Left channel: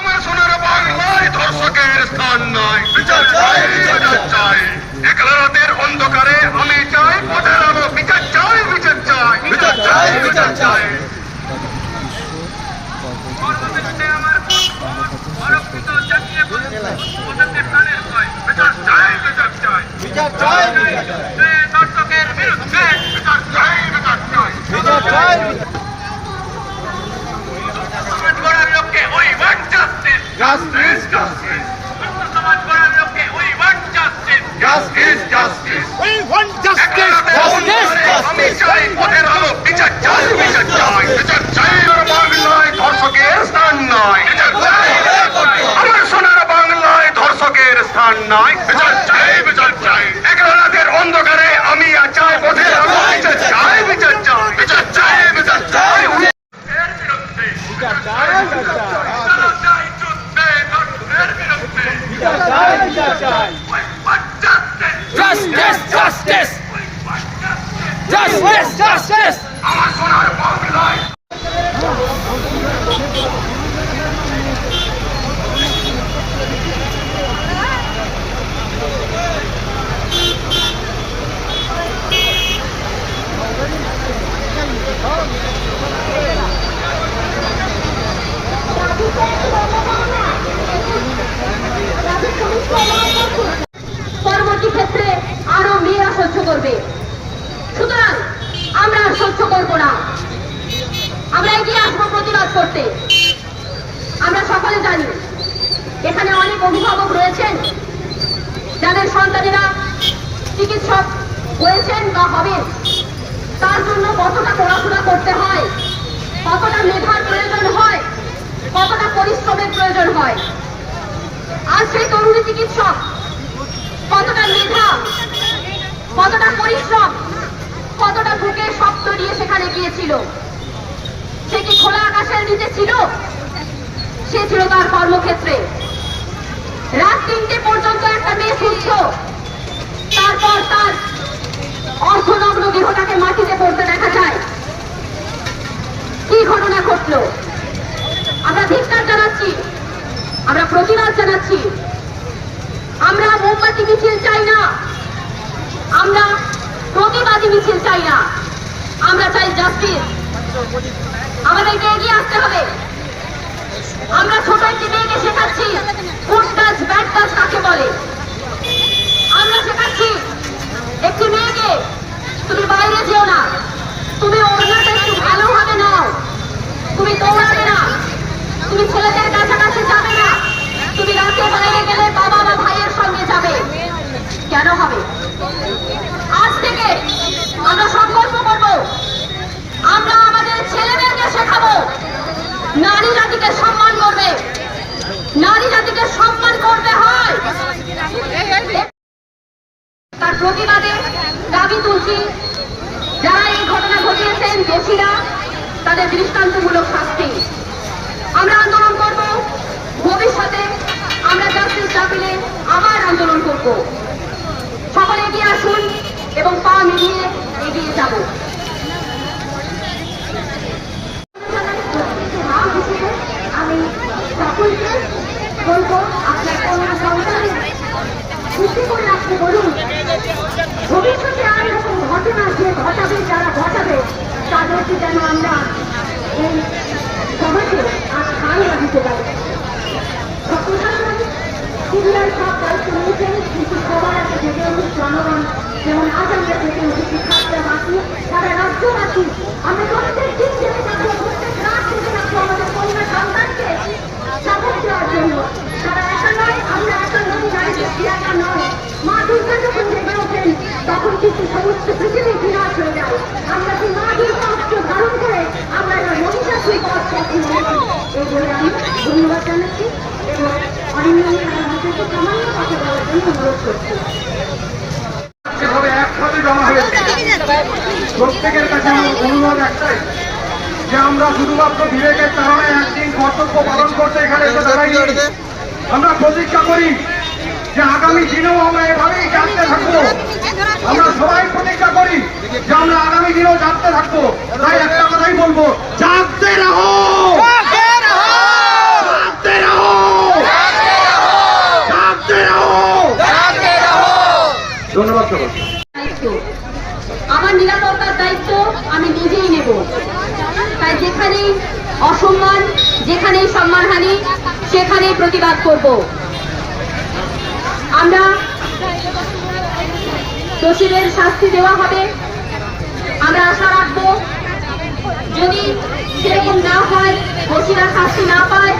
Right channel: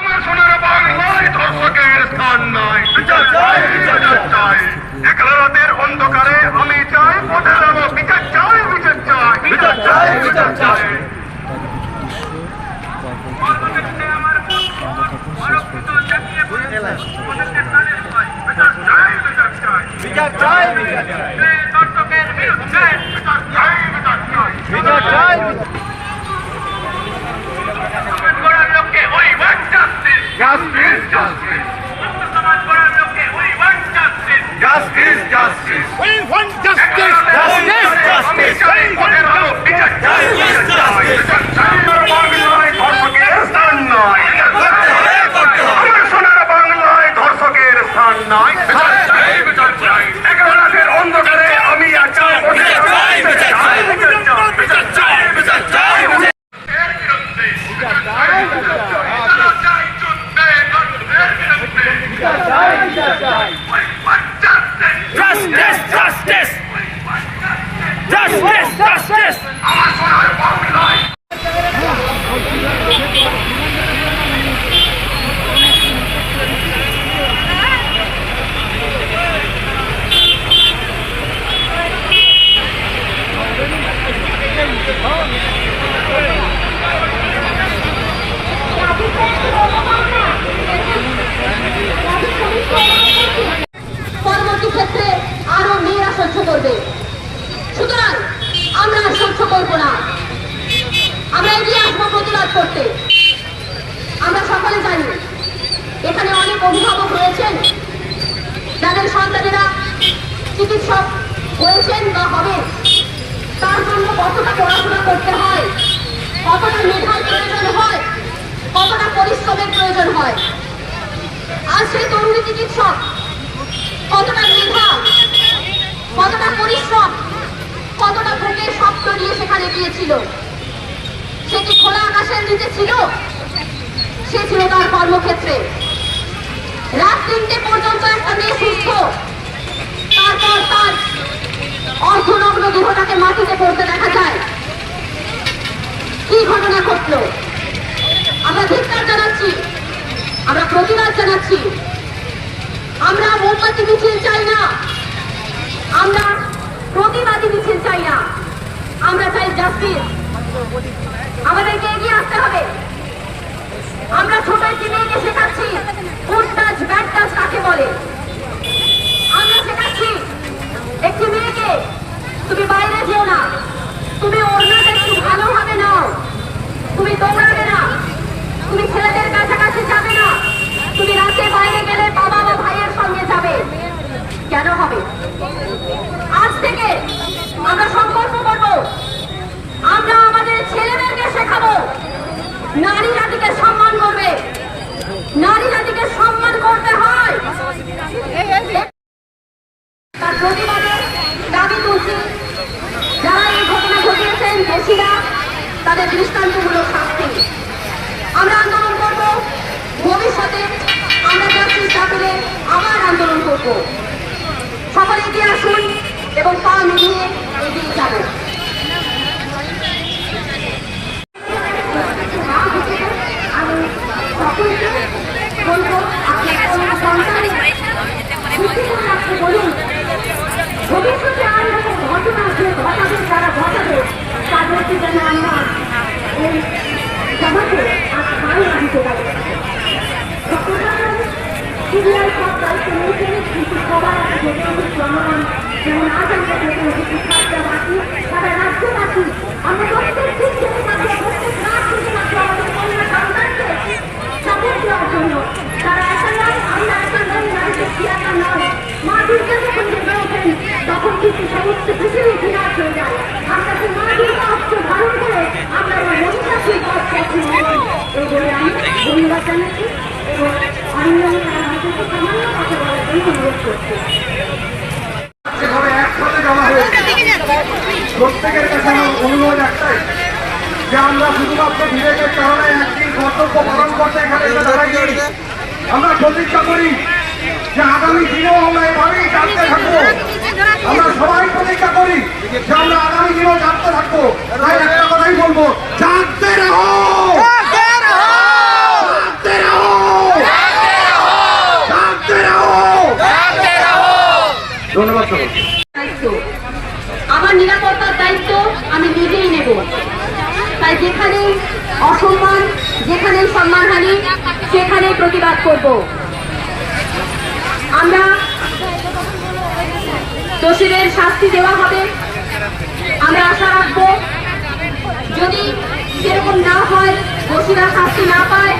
আমার সোনার বাংলায় ধর্ষকের স্থান নাই, বিচার চাই, বিচার চাই। একলা রাতের অন্ধকারে আমি চাই পথের আলো, বিচার চাই, বিচার চাই, বিচার চাই, বিচার চাই। বিচার চাই, বিচার চাই, ধর্ষকের বিরুদ্ধে বিচার চাই, বিচার চাই, বিচার চাই। সমাজ গড়ার লক্ষ্যে ওই ওয়ান জাস্টিস, জাস্টিস, জাস্টিস। সমাজ গড়ার লক্ষ্যে ওই want justice, justice, justice, we want justice, justice, আমি চাই পথের আলো, বিচার চাই, বিচার চাই, বিচার চাই। বাংলায় ধর্ষকের স্থান নাই, আমার সোনার বাংলায় ধর্ষকের স্থান নাই, বিচার চাই, বিচার চাই। একলা রাতের অন্ধকারে আমি চাই পথের আলো, বিচার চাই, বিচার চাই, বিচার চাই, বিচার চাই। এর বিরুদ্ধে বিচার চাই, বিচার চাই, চালো চাই যুদ্ধে, ধর্ষকের বিরুদ্ধে বিচার চাই, বিচার চাই। we want justice, Justice, justice, justice, justice. আমার সোনার বাংলায়। পরবর্তী ক্ষেত্রে আরো মেয়েরা সহ্য করবে। সুতরাং আমরা আর সহ্য করবো না, আমরা এগিয়ে আসবো প্রতিবাদ করতে। আমরা সকলে জানি এখানে অনেক অভিভাবক রয়েছেন যাদের সন্তানেরা চিকিৎসক হয়েছেন বা হবেন, তার জন্য কতটা পড়াশোনা করতে হয়, কতটা মেধার প্রয়োজন হয়, কতটা পরিশ্রমের প্রয়োজন হয়। আর সেই তরুণী চিকিৎসক কতটা মেধা, কতটা পরিশ্রম, কতটা বুকে স্বপ্ন নিয়ে সেখানে গিয়েছিল। সে কি খোলা আকাশের নিচে ছিল? সে ছিল তার কর্মক্ষেত্রে। রাত 3টে পর্যন্ত একটা মেয়ে সুস্থ, তারপর তার অর্ধনগ্ন দেহটাকে মাটিতে পড়তে দেখা যায়। কি ঘটনা ঘটলো? আমরা ধিক্কার জানাচ্ছি, আমরা প্রতিবাদ জানাচ্ছি। আমরা মোমবাতি মিছিল চাই না, আমরা প্রতিবাদী মিছিল চাই না, আমরা চাই জাস্টিস। আমাদেরকে এগিয়ে আসতে হবে। আমরা ছোট একটি মেয়েকে শেখাচ্ছি গুড টাচ ব্যাড টাচ কাকে বলে। আমরা শেখাচ্ছি একটি মেয়েকে তুমি বাইরে যেও না, তুমি ওড়নাটা একটু ভালোভাবে নাও, তুমি দৌড়াবে না, তুমি ছেলেদের কাছাকাছি যাবে না, তুমি রাতে বাইরে গেলে বাবা বা ভাইয়ের সঙ্গে যাবে। কেন হবে? আজ থেকে আমরা সংকল্প করব, আমরা আমাদের ছেলেদেরকে শেখাবো নারী জাতিকে সম্মান করবে, নারী জাতিকে সম্মান করতে হয়। তার প্রতিবাদে দাবি তুলছি, যারা এই ঘটনা ঘটিয়েছেন দোষীরা তাদের দৃষ্টান্তমূলক শাস্তি। আমরা আন্দোলন করব, ভবিষ্যতে আমরা জাস্টিস দাবিতে আবার আন্দোলন করব। সকলে এগিয়ে আসুন এবং পা মিলিয়ে এগিয়ে যাব। আমি সকলকে বলবো, আপনার কোনো সন্তান সৃষ্টি করে রাখতে বলুন। ভবিষ্যতে আর এরকম ঘটনা যে ঘটাবে, যারা ঘটাবে তাদেরকে যেন আমরা এই সমাজে আর খাই না দিতে পারি। প্রশাসন সিরিয়াল সব দায়িত্ব নিয়েছেন, কিন্তু সবার একটা ভেবে উচিত জনগণ, যেমন আজ আমরা ভেবে উচিত ছাত্রবাসী, সারা রাজ্যবাসী, আমরা প্রত্যেক দিন থেকে থাকি, প্রত্যেক রাত থেকে থাকি আমাদের কন্যা সন্তানকে সাপোর্ট দেওয়ার জন্য। তারা একা নয়, আমরা একা নয়, নারীদের কি একা নয়। মা দুর্গা যখন জেগে ওঠেন তখন কিন্তু সমস্ত পৃথিবী বিনাশ হয়ে যায়। আমরা সেই মা দুর্গা অস্ত্র ধারণ করে আমরা মহিষাসুর পথ পথে এই বলে আমি ধন্যবাদ জানাচ্ছি এবং অরিন্দমের আমাদেরকে সামান্য কথা বলার জন্য অনুরোধ করছি। একসাথে জমা হয়েছে, প্রত্যেকের কাছে আমার অনুরোধ একটাই, যে আমরা শুধুমাত্র বিবেকের কারণে একদিন কর্তব্য পালন করতে এখানে এসে দাঁড়াইনি। আমরা প্রতিজ্ঞা করি যে আগামী দিনেও আমরা এভাবেই জানতে থাকবো। আমরা সবাই প্রতিজ্ঞা করি যে আমরা আগামী দিনেও জানতে থাকবো। তাই একটা কথাই বলবো, জানতে রাখো, জানতে রাখো। ধন্যবাদ সবাইকে। দায়িত্ব, আমার নিরাপত্তার দায়িত্ব আমি নিজেই নেব। তাই যেখানেই অসম্মান, যেখানেই সম্মানহানি, সেখানেই প্রতিবাদ করব। আমরা দোষীদের শাস্তি দেওয়া হবে, আমরা আশা রাখবো। যদি সেরকম না হয়, দোষীরা শাস্তি না পায়,